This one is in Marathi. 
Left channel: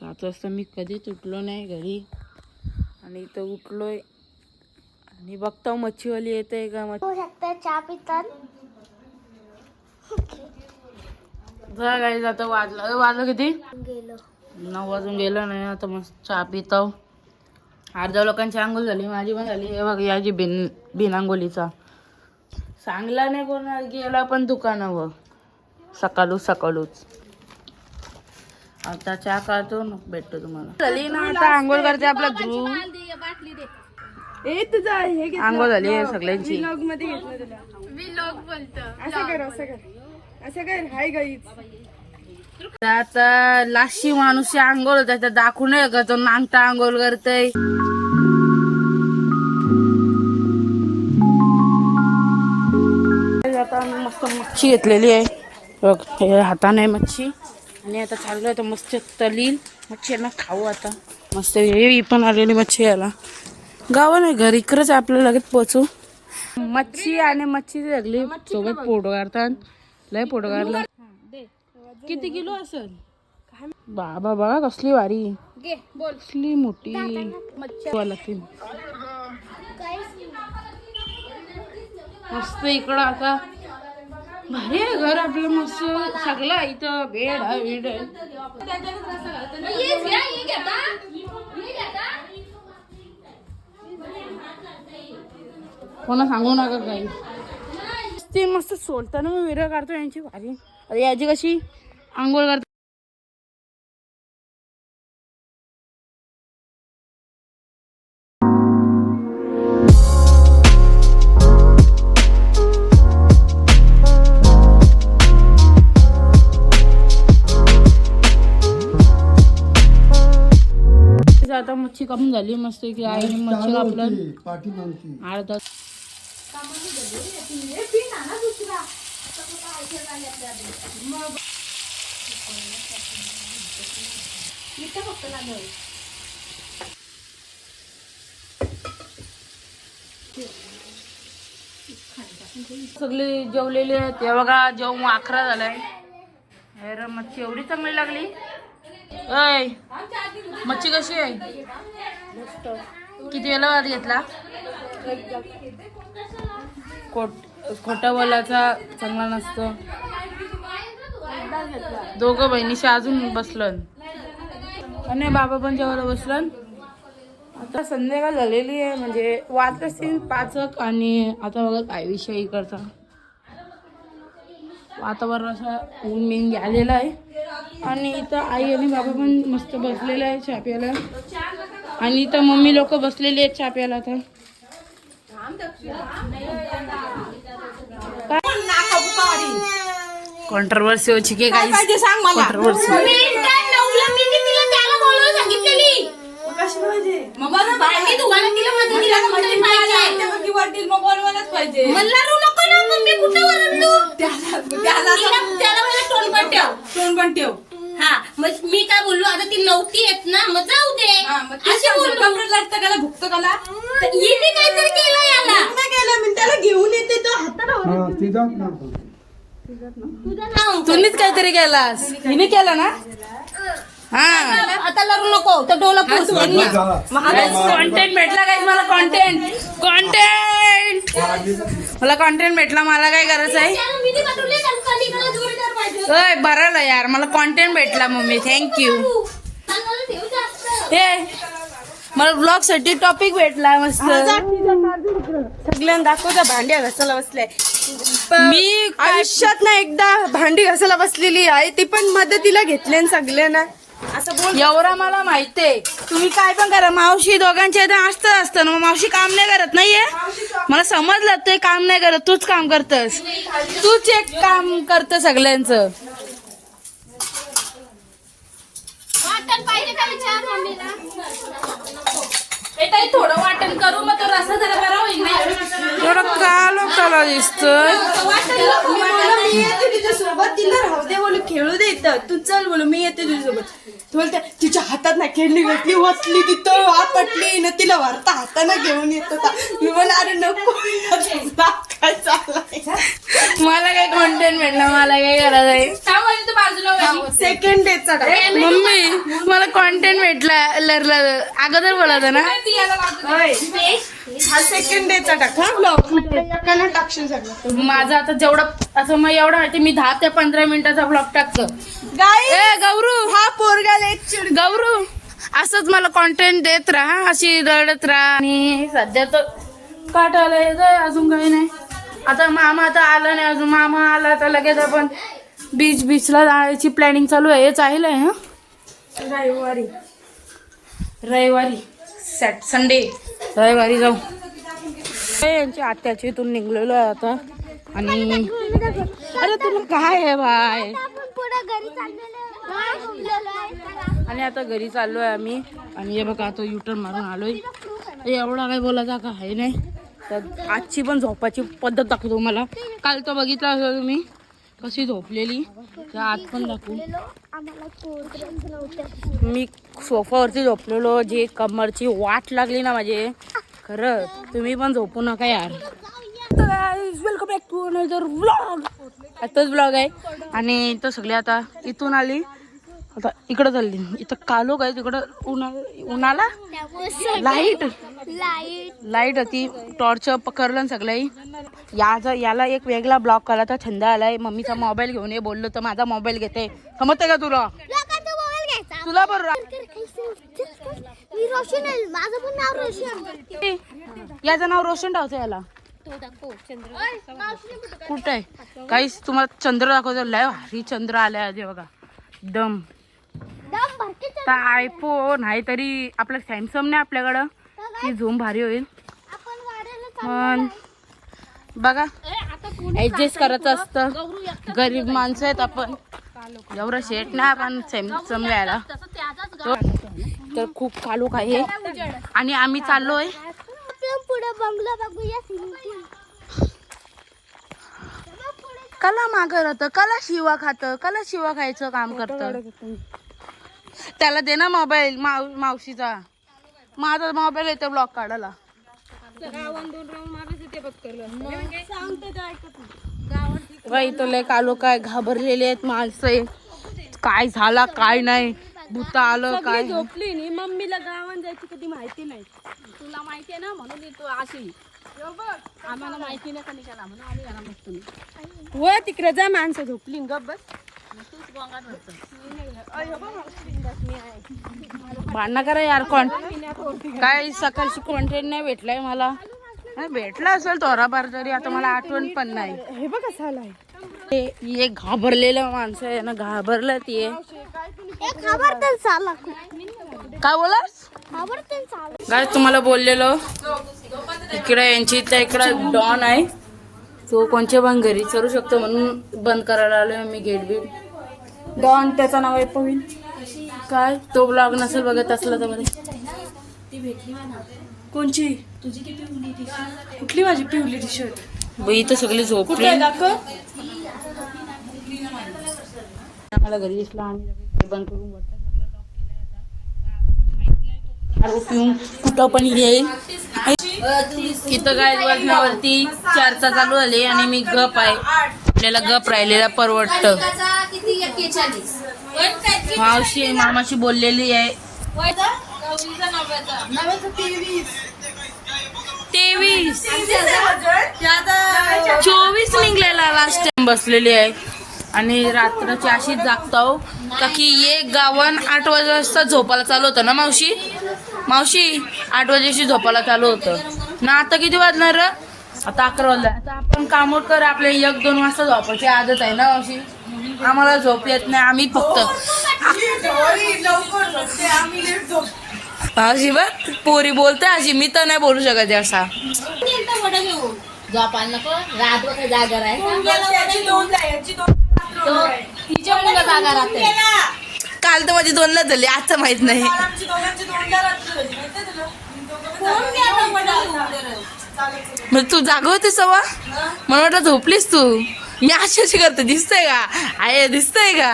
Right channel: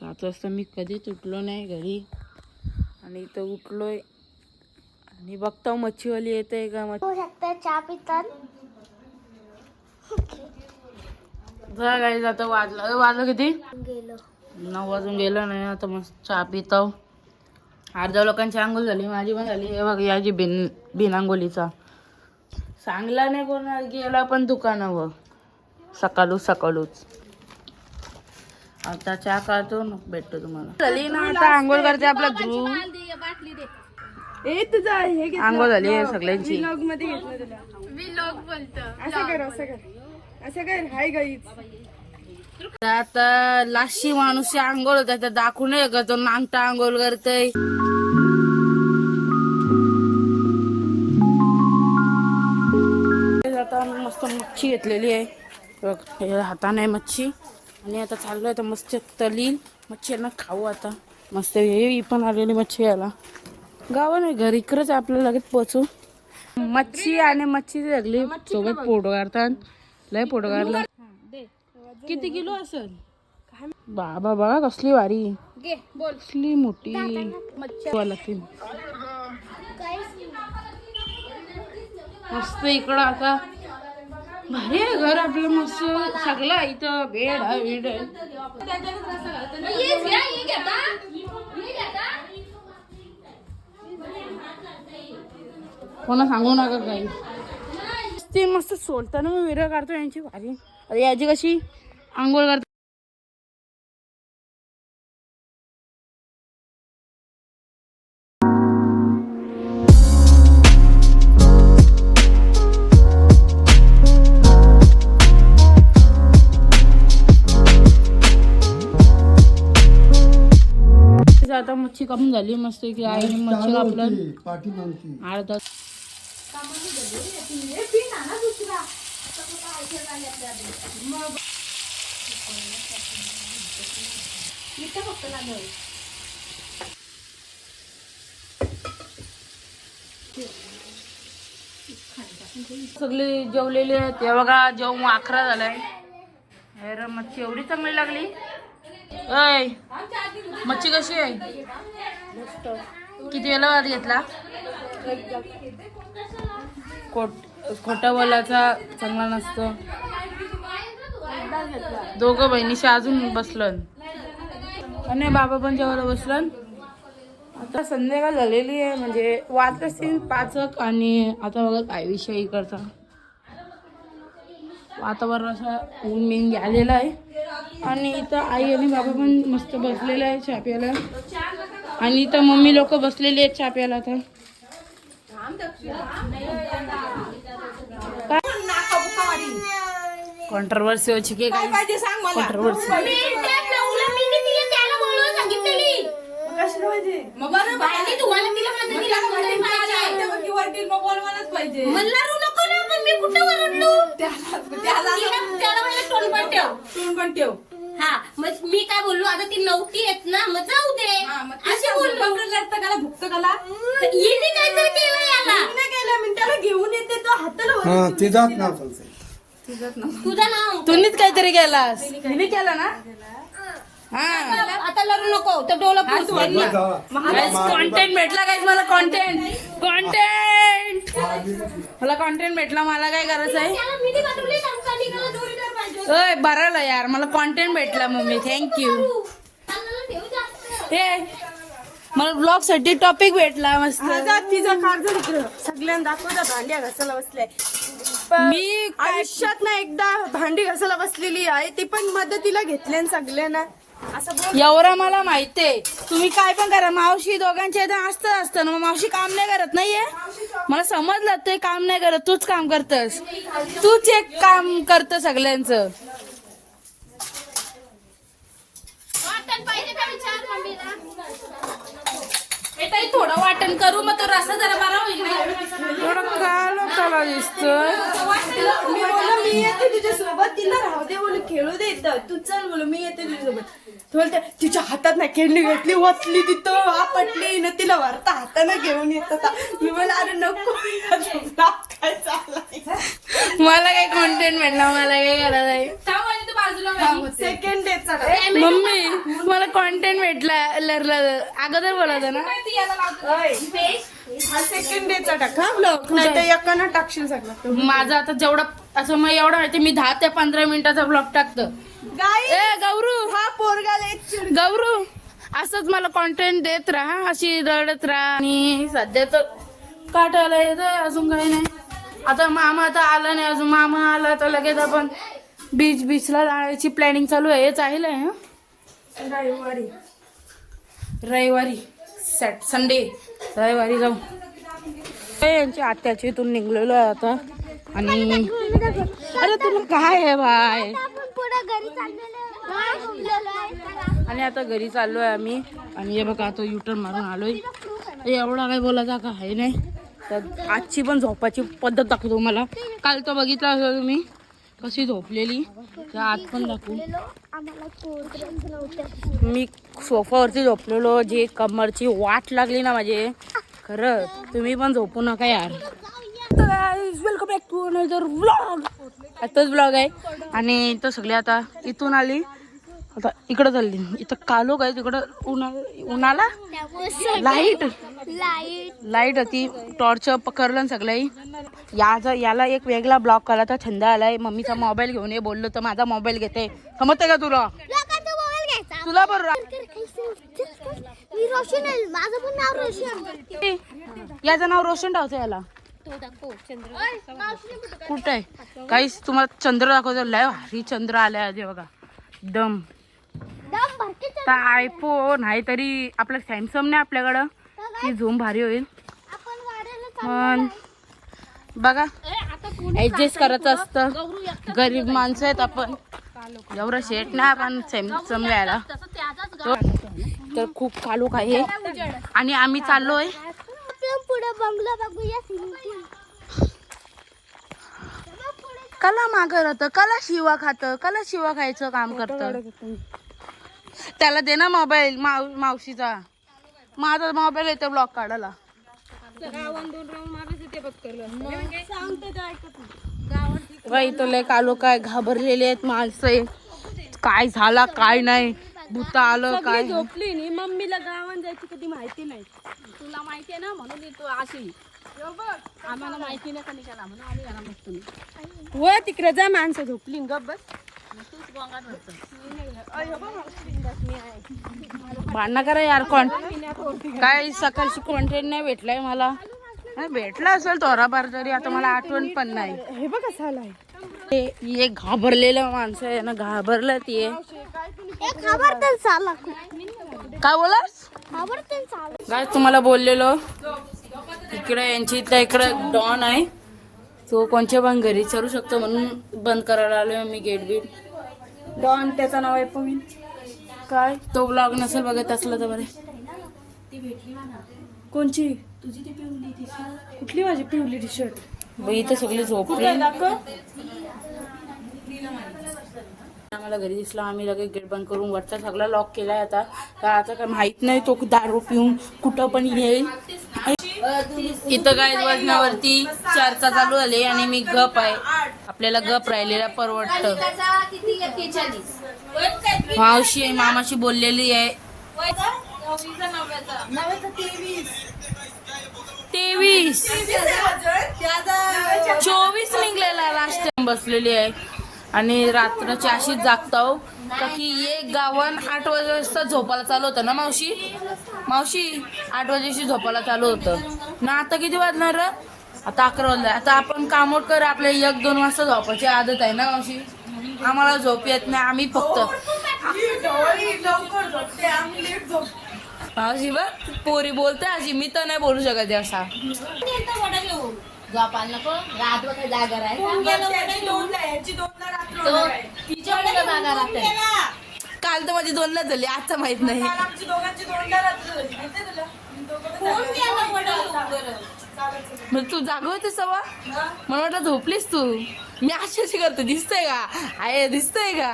7 वाजता मी कधीच उठलो नाही घरी आणि इथं उठलोय आणि बघतो मच्छीवाली येते का. शकता चहा पितात काही जातं वाजलं किती गेलो 9 वाजून गेलं नाही. आता मस्त चहा पितो. अर्ध्या लोकांची आंघोळ झाली, माझी पण झाली. हे बघ याची बिन आंघोलीचा सांगला नाही कोणा गेला पण दुकानावर सकाळूच. आता चहा काढतो मग भेटतो तुम्हाला. झाली ना आता आंघोळ करते आपला ध्रुव. आंघोळ झाली आहे सगळ्यांची. आता लाशी माणूस आंघोळ होता दाखवू नये का तो नांगटा आंघोळ करतय. आता मस्त मच्छी घेतलेली आहे बघ, हाताने मच्छी. आणि आता चालू आहे तर मस्त तलील मच्छी ना खाऊ आता मस्त. ही पण आलेली मच्छी याला गाव नाही घर इकडंच आपलं लगेच पोचू. मच्छी आणि मच्छी लागली सोबत फोटो काढतात. लय फोटो काढला. किती किलो असेल बाबा बघा कसली वारी कसली मोठी मच्छी. मस्त इकडं आता भारी आहे घर आपलं मस्त सगळं इथं बेड आहे. कोणा सांगू नका काही. ते मस्त सोलताना मी व्हिडिओ काढतो यांची भारी. अरे याची कशी आंघोळ करते. आता मच्छी कापून झाली मस्त की आईने मच्छी कापलं अर्धा. सगळे जेवलेले आहेत. ते बघा जेवण 11 झालाय. अरे मच्छी एवढी चांगली लागली. अय मच्छी कशी आहे किती वेळा वाद घेतला. खोटा बोलायचा चांगला नसतो. दोघं बहिणीशी अजून बसलं आणि बाबा पण जेवायला बसलं. आता संध्याकाळ झालेली आहे म्हणजे वाजले असतील 5. आणि आता बघा काय विषय करता वातावरण असं ऊन मेन आलेलं आहे. आणि इथं आई आणि बाबा पण मस्त बसलेले आहे चहा प्यायला. आणि इथं मम्मी लोक बसलेली आहेत चहा प्यायला. आता कॉन्ट्रोवर्सी होची की काही कॉन्ट्रोवर्सी. हा मग मी काय बोललो आता ती नव्हती येत ना मग जाऊ दे असे बोललो. भुक्त कला येणे काहीतरी केलं याला केलं मी त्याला घेऊन येते तो हाताला तुझा नाव तुम्हीच काहीतरी केलास हिने केला ना. हा आता लढू नको तो डोला कॉन्टेंट भेटला काय मला. मला कॉन्टेंट भेटला. मला काय करायचं आहे बरं यार मला कॉन्टेंट भेटला मम्मी थँक्यू. मला ब्लॉग साठी टॉपिक भेटला मस्त. सगळ्यांना दाखवता भांडी घासायला बसले. मी आयुष्यात ना एकदा भांडी घासायला बसलेली आहे ती पण मदतीला घेतले सगळ्यांना असं बोल. एवढं मला माहितीये. तुम्ही काय पण करा मावशी दोघांच्या इथे असतं ना. मग मावशी काम नाही करत नाहीये मला समजलं. ते काम नाही करत तूच काम करतस. तूच एक काम करत सगळ्यांचं. थोडं वाटण करू मग तो रस्सा जरा बरा होईल ना. थोडं काला दिसतोय. सोबत तिला राहू दे बोलू खेळू दे इथं तू चल बोलू मी येते तुझ्यासोबत. बोलते तिच्या हातात ना खेळणी घेतली वचली तिथं आपटली ना तिला वरता हातानं घेऊन येत होता. मी बोल अरे नको काय चाललंय. मला काही कॉन्टेंट भेटला मला काही गरज आहे. बाजूला सेकंड डेचा टाक. मम्मी मला कॉन्टेंट भेटला अगोदर बोलायचं ना. हा सेकंड डेचा टाक हा ब्लॉग, नाही तर एकानं टाकशील सगळं. माझं आता जेवढं असं मग एवढं माहिती मी 10 ते 15 मिनिटाचा ब्लॉग टाकतो. गाईस, ए गौरू हा पोरगाला एक चिड. गौरू असंच मला कॉन्टेंट देत राहा, अशी रडत राहा. आणि सध्या तर काटायला येतंय, अजून काही नाही. आता मामा आता आला नाही अजून. मामा आला तर लगेच आपण बीचला जायची प्लॅनिंग चालू आहे. चालेल आहे हा रविवारी संडे रविवारी जाऊ. यांच्या आत्याच्या इथून निघलेलो आहे आता. आणि अरे तुला काय आहे भाई. आणि आता घरी चाललोय आम्ही. आणि हे बघा आता युटर्न मारून आलोय. एवढा काय बोलायचा का आहे नाही. तर आजची पण झोपाची पद्धत दाखवतो मला. काल तर बघितला असेल तुम्ही कशी झोपलेली, त्या आज पण दाखवू. मी सोफावरती झोपलेलो. जे कमरची वाट लागली ना माझे, खरं तुम्ही पण झोपू नका यार. Welcome back to another vlog. आताच ब्लॉग आहे. आणि इथं सगळे आता इथून आली, आता इकडं चालली. इथं कालो काय तिकडं उन्हाला लाईट होती. टॉर्च पकडलं सगळं. याला एक वेगळा ब्लॉग केला तर छंद आलाय. मम्मीचा मोबाईल घेऊन ये बोललो तर माझा मोबाईल घेते. समजते का तुला बरोबर. याचं नाव रोशन ठेवतं याला. कुठं आहे काहीच तुम्हाला चंद्र दाखवतो. लय भारी चंद्र आलाय आधी बघा. दम आयफोन आहे तरी आपलं सॅमसंग नाही आपल्याकडं. ती झूम भारी होईल. पण बघा ऍडजस्ट करायचं असतं. गरीब माणसं आहेत आपण. एवढं शेट नाही आपण सॅमसंग घ्यायला. तर खूप कालोख आहे. आणि आम्ही चाललोय कला मागं राहतं, कला शिवा खातं, कला शिवा खायचं काम करतं. त्याला दे ना मोबाईल मावशीचा. माझा मोबाईल येतो ब्लॉग काढायला. बाई तो लय कालो काय घाबरलेले आहेत माणसं. काय झाला काय नाही, भूत आलं काय. झोपली नाही. मम्मीला गावात जायची कधी माहिती नाही. तुला माहिती आहे ना म्हणून तू अशी. आम्हाला माहिती नाही कधी केला म्हणून आम्ही घरा बसतो. व तिकडे जा, माणसं झोपली गप बस. भांडणं करा यार. कोण काय सकाळची कॉन्टेंट नाही भेटलाय मला. भेटला असेल थोडाफार तरी, आता मला आठवण पण नाही. हे बघ कसं आलाय. हे घाबरलेलं माणसं आहे ना, घाबरलं ती. काय बोलास काय तुम्हाला बोललेलो. इकडे यांची इकडं डॉन आहे. तो कोणच्या पण घरी चढू शकतो म्हणून बंद करायला आलोय मी गेट बीट. डॉन त्याचं नाव आहे पविन. काय तो ब्लॉग नसेल बघत असला तर बरे. कोणची कुठली माझी पिवली टी शर्ट. बाई तर सगळी झोपली. दाखव. आम्हाला घरी दिसला. आम्ही लगेच गेट बंद करून वरचा सगळा लॉक केलाय. आता काय माहित नाही तो दारू पिऊन कुठं पण येईल. इथं काय वाजण्यावरती चर्चा चालू झाली आणि मी गप आहे. आपल्याला गप राहिलेला परवडतं. मावशी मामाशी बोललेली आहे. 24 निघलेला लास्ट टाइम बसलेली आहे. आणि रात्रची अशीच जागतो का की एक गावन 8 वाजता झोपायला चालू होतं ना मावशी. 8 वाजेशी झोपायला चालू होतं ना. आता किती वाजणार. आता 11 वाजले. आता आपण कामोट कर. आपल्या 1-2 वाजता झोपायची आदत आहे ना मावशी. आम्हाला झोप येत नाही. आम्ही फक्त मावशी बघ पोरी बोलते अशी. मी तर नाही बोलू शकत असा. काल तर माझी 2ला झाली. आजचं माहित नाही. मग तू जाग होतीस सवा. मला वाटलं झोपलीस तू. मी अशी करते दिसतंय का. आहे दिसतंय का.